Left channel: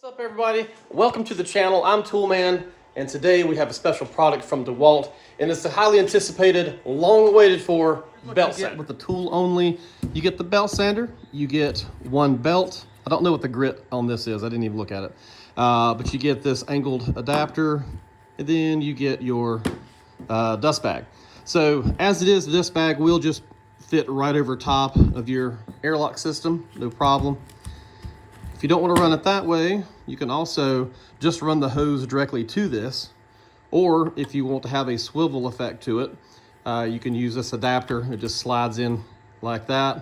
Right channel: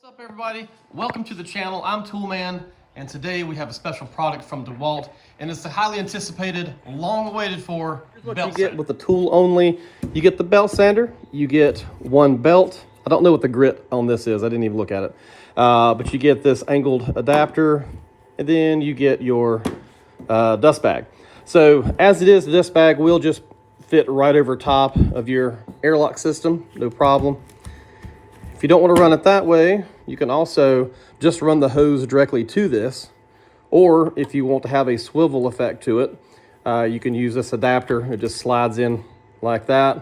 What's up, everybody? Welcome to the channel. I'm Toolman, and today we have a special product from Dewalt, and it's the highly anticipated, long-awaited for belt sander. With the tool only, you get the belt sander, you get one belt. I don't know what the grit on this is. I didn't even look at it. But you get this angled adapter, and then you get your dust bag. So as it is, the dust bag will just fit right over top of your airlock system, no problem. If you don't want to run it that way, you can also just run the hose directly to this. Or if you want to have a swivel effect to it, you can use this adapter. It just slides in like that.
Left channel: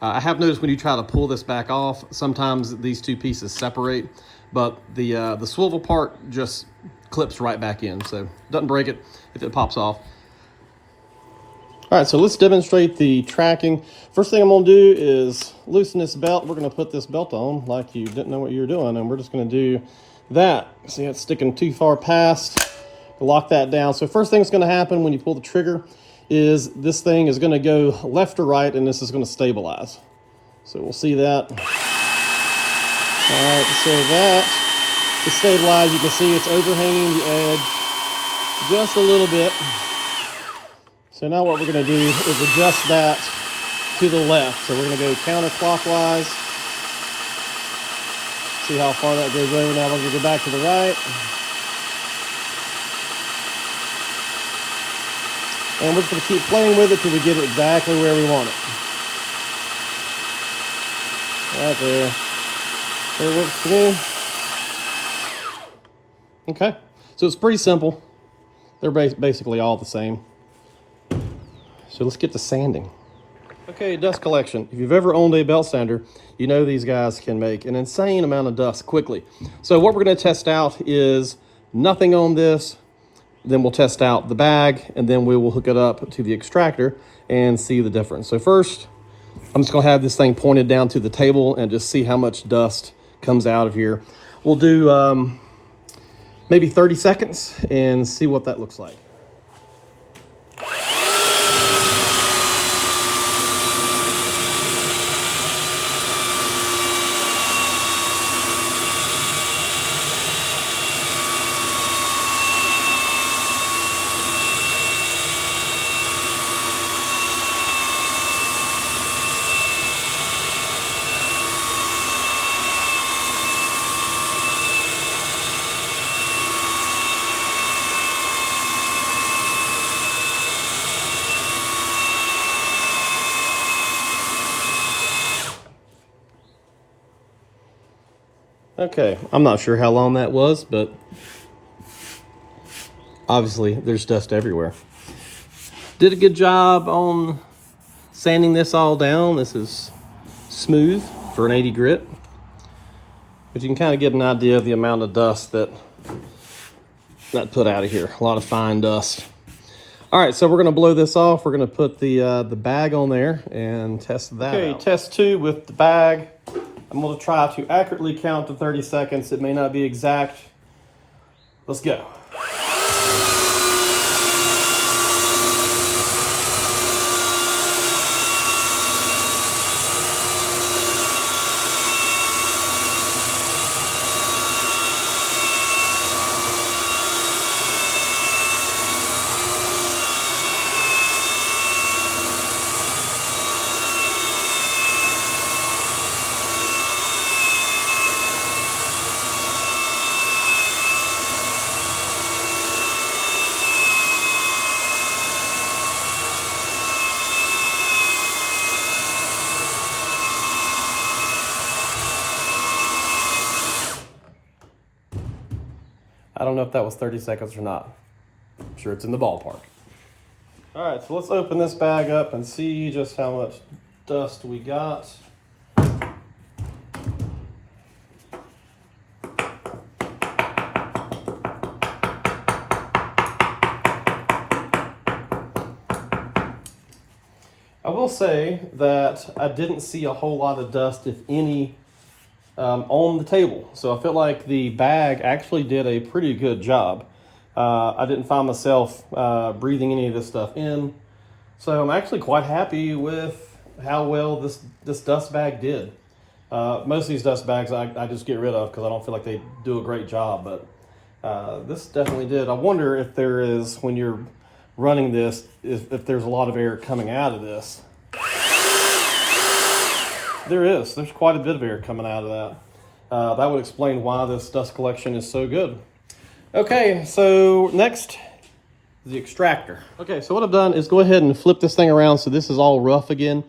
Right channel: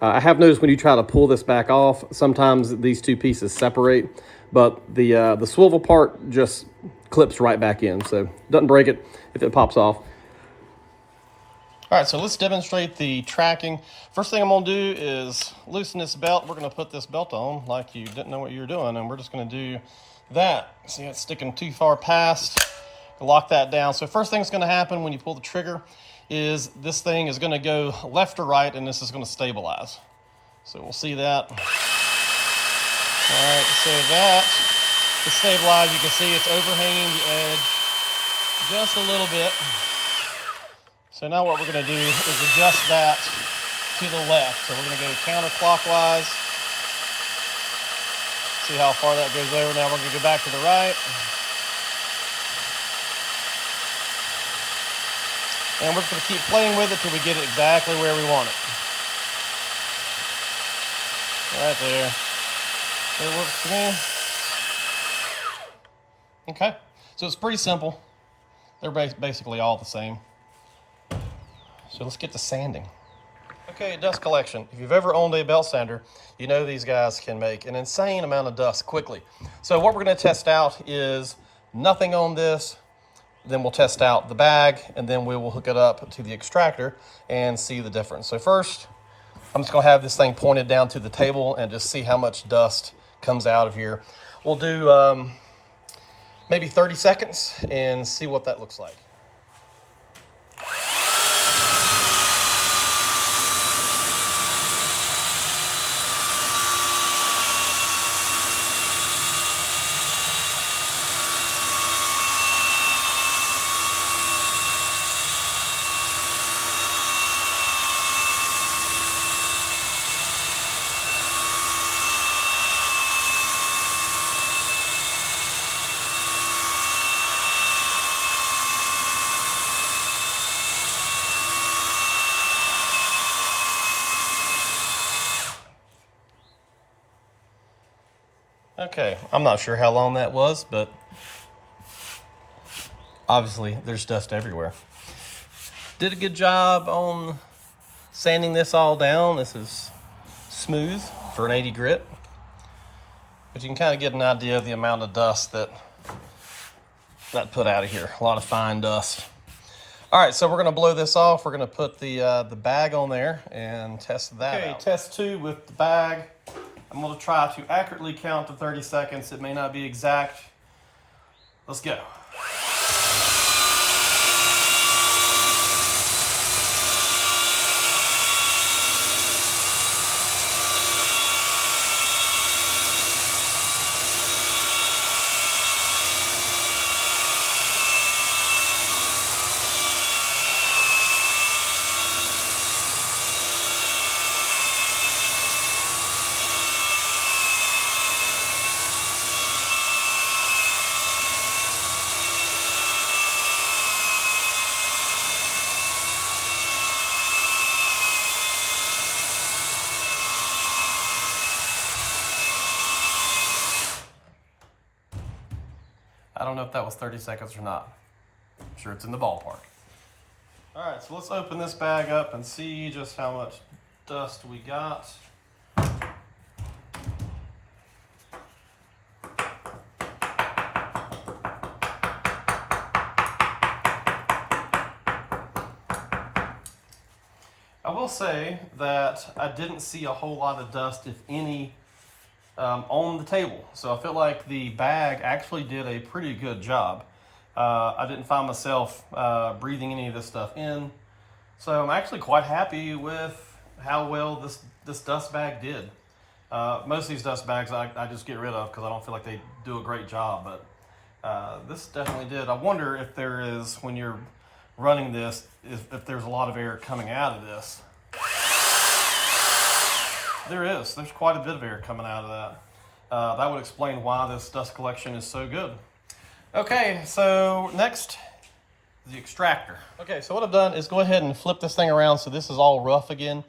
I have noticed when you try to pull this back off, sometimes these two pieces separate, but the swivel part just clips right back in. So it doesn't break it if it pops off. All right, so let's demonstrate the tracking. First thing I'm gonna do is loosen this belt. We're gonna put this belt on like you didn't know what you were doing, and we're just gonna do that. See, it's sticking too far past. Lock that down. So first thing that's gonna happen when you pull the trigger is this thing is gonna go left or right, and this is gonna stabilize. So we'll see that. All right, so that to stabilize, you can see it's overhanging the edge just a little bit. So now what we're going to do is adjust that to the left. So we're going to go counterclockwise. See how far that goes over. Now we're going to go back to the right. And we're just going to keep playing with it till we get it exactly where we want it. Right there. It works for me. Okay. So it's pretty simple. They're basically all the same. So let's get to sanding. Okay, dust collection. If you've ever owned a belt sander, you know these guys can make an insane amount of dust quickly. So what we're gonna test out is nothing on this, then we'll test out the bag, and then we will hook it up to the extractor and see the difference. So first, I'm just gonna have this thing pointed down to the table and just see how much dust comes out of here. We'll do maybe 30 seconds and see what that looks like. Okay, I'm not sure how long that was, but obviously there's dust everywhere. Did a good job on sanding this all down. This is smooth for an 80 grit, but you can kind of get an idea of the amount of dust that put out of here. A lot of fine dust. All right, so we're gonna blow this off. We're gonna put the bag on there and test that. Okay, test 2 with the bag. I'm gonna try to accurately count to 30 seconds. It may not be exact. Let's go. I don't know if that was 30 seconds or not. I'm sure it's in the ballpark. All right, so let's open this bag up and see just how much dust we got. I will say that I didn't see a whole lot of dust, if any, on the table. So I feel like the bag actually did a pretty good job. I didn't find myself breathing any of this stuff in. So I'm actually quite happy with how well this dust bag did. Most of these dust bags I just get rid of because I don't feel like they do a great job, but this definitely did. I wonder if there is, when you're running this, if there's a lot of air coming out of this. There is. There's quite a bit of air coming out of that. That would explain why this dust collection is so good. Okay, so next, the extractor. Okay, so what I've done is go ahead and flip this thing around so this is all rough again.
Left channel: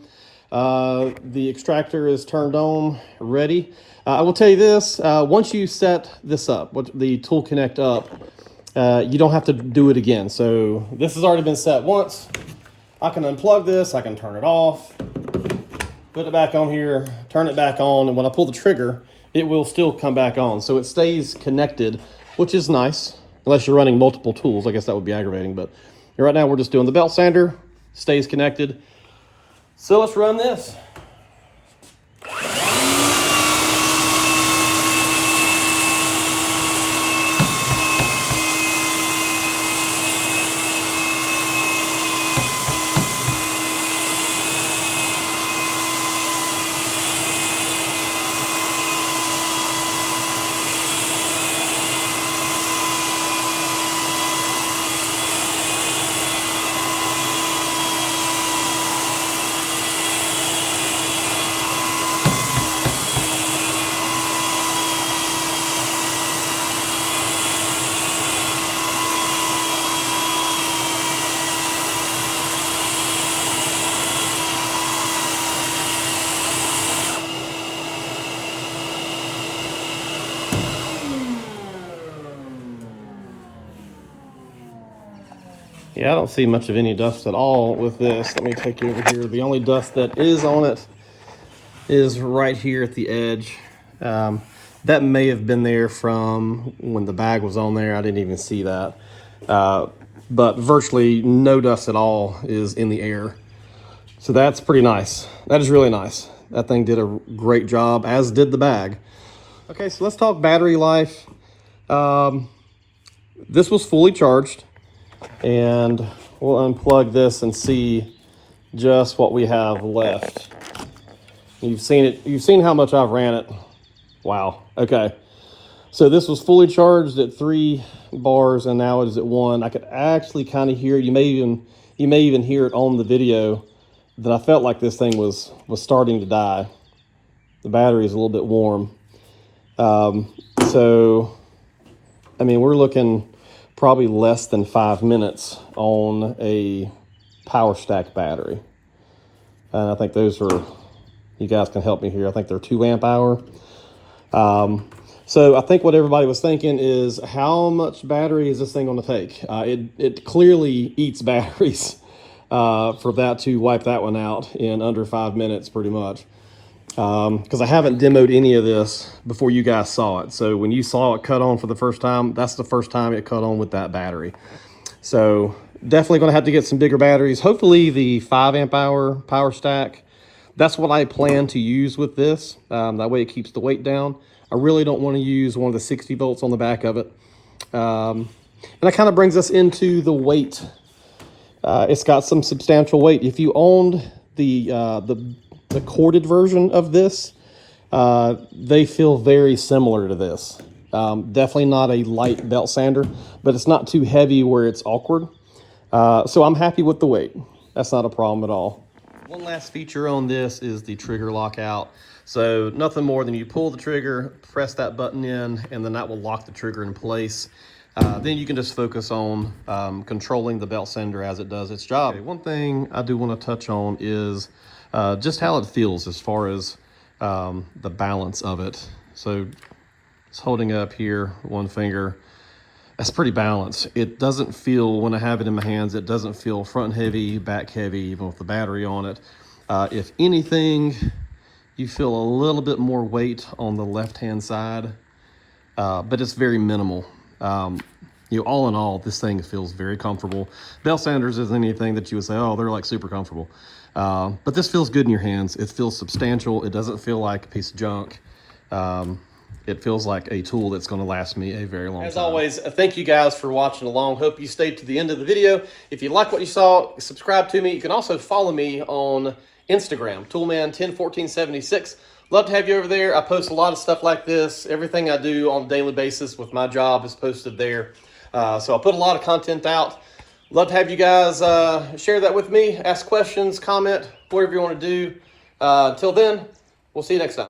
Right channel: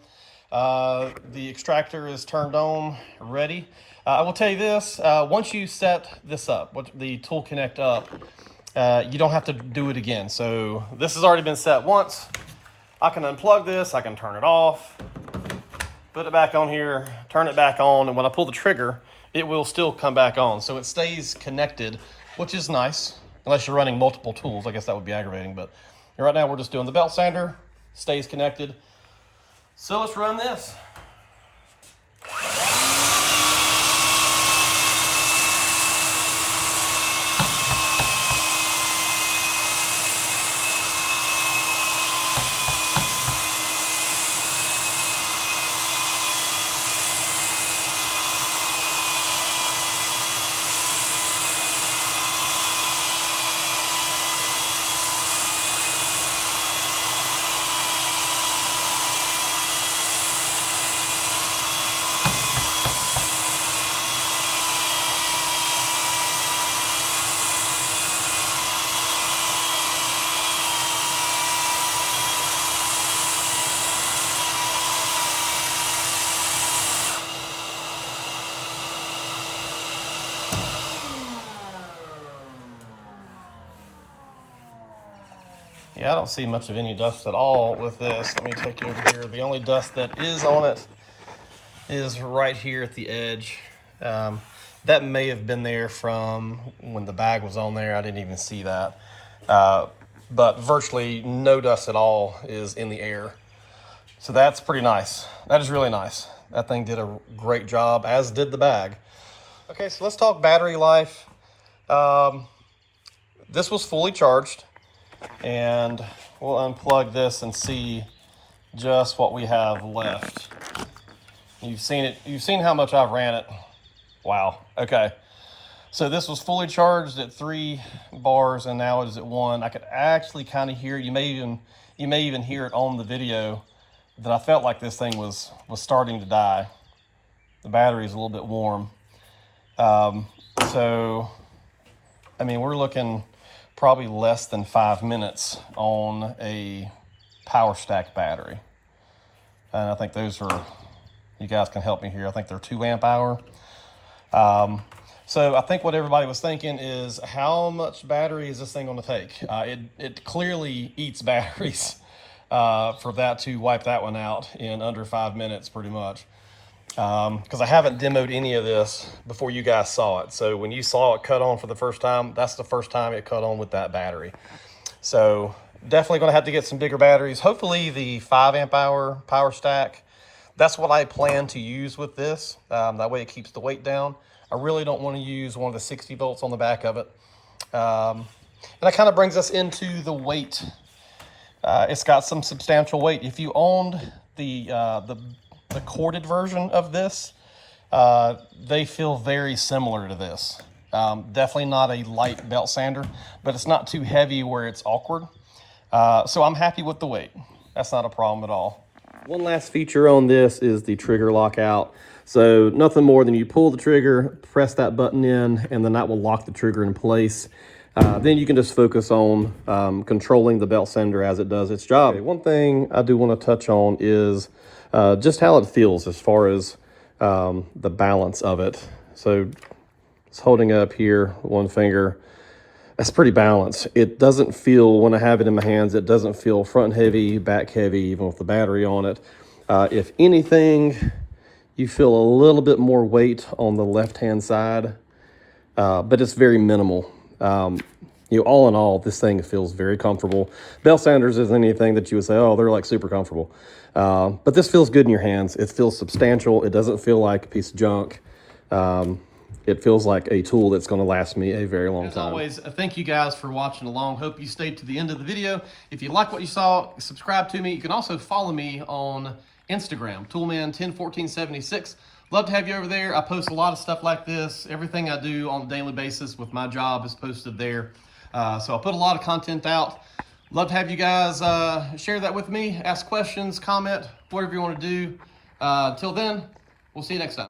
The extractor is turned on, ready. I will tell you this, once you set this up, the tool connect up, you don't have to do it again. So this has already been set once. I can unplug this, I can turn it off, put it back on here, turn it back on, and when I pull the trigger, it will still come back on. So it stays connected, which is nice, unless you're running multiple tools. I guess that would be aggravating, but right now we're just doing the belt sander, stays connected. So let's run this. Yeah, I don't see much of any dust at all with this. Let me take you over here. The only dust that is on it is right here at the edge. That may have been there from when the bag was on there. I didn't even see that. But virtually no dust at all is in the air. So that's pretty nice. That is really nice. That thing did a great job, as did the bag. Okay, so let's talk battery life. This was fully charged. And we'll unplug this and see just what we have left. You've seen it. You've seen how much I've ran it. Wow. Okay. So this was fully charged at 3 bars, and now it is at 1. I could actually kind of hear it. You may even hear it on the video that I felt like this thing was starting to die. The battery is a little bit warm. So, I mean, we're looking probably less than 5 minutes on a power stack battery. I think those are, you guys can help me here. I think they're 2 amp hour. So I think what everybody was thinking is, how much battery is this thing going to take? It clearly eats batteries for that to wipe that one out in under 5 minutes, pretty much. Because I haven't demoed any of this before you guys saw it. So when you saw it cut on for the first time, that's the first time it cut on with that battery. So definitely going to have to get some bigger batteries. Hopefully the 5 amp hour power stack. That's what I plan to use with this. That way it keeps the weight down. I really don't want to use one of the 60 volts on the back of it. And that kind of brings us into the weight. It's got some substantial weight. If you owned the corded version of this, they feel very similar to this. Definitely not a light belt sander, but it's not too heavy where it's awkward. So I'm happy with the weight. That's not a problem at all. One last feature on this is the trigger lockout. So nothing more than you pull the trigger, press that button in, and then that will lock the trigger in place. Then you can just focus on controlling the belt sander as it does its job. Okay, one thing I do want to touch on is just how it feels as far as the balance of it. So it's holding up here, one finger. That's pretty balanced. It doesn't feel, when I have it in my hands, it doesn't feel front heavy, back heavy, even with the battery on it. If anything, you feel a little bit more weight on the left-hand side, but it's very minimal. You know, all in all, this thing feels very comfortable. Belt sanders isn't anything that you would say, oh, they're like super comfortable. But this feels good in your hands. It feels substantial. It doesn't feel like a piece of junk. It feels like a tool that's going to last me a very long time. As always, thank you guys for watching along. Hope you stayed to the end of the video. If you like what you saw, subscribe to me. You can also follow me on Instagram, Toolman101476. Love to have you over there. I post a lot of stuff like this. Everything I do on a daily basis with my job is posted there. So I put a lot of content out. Love to have you guys share that with me. Ask questions, comment, whatever you want to do. Until then, we'll see you next time.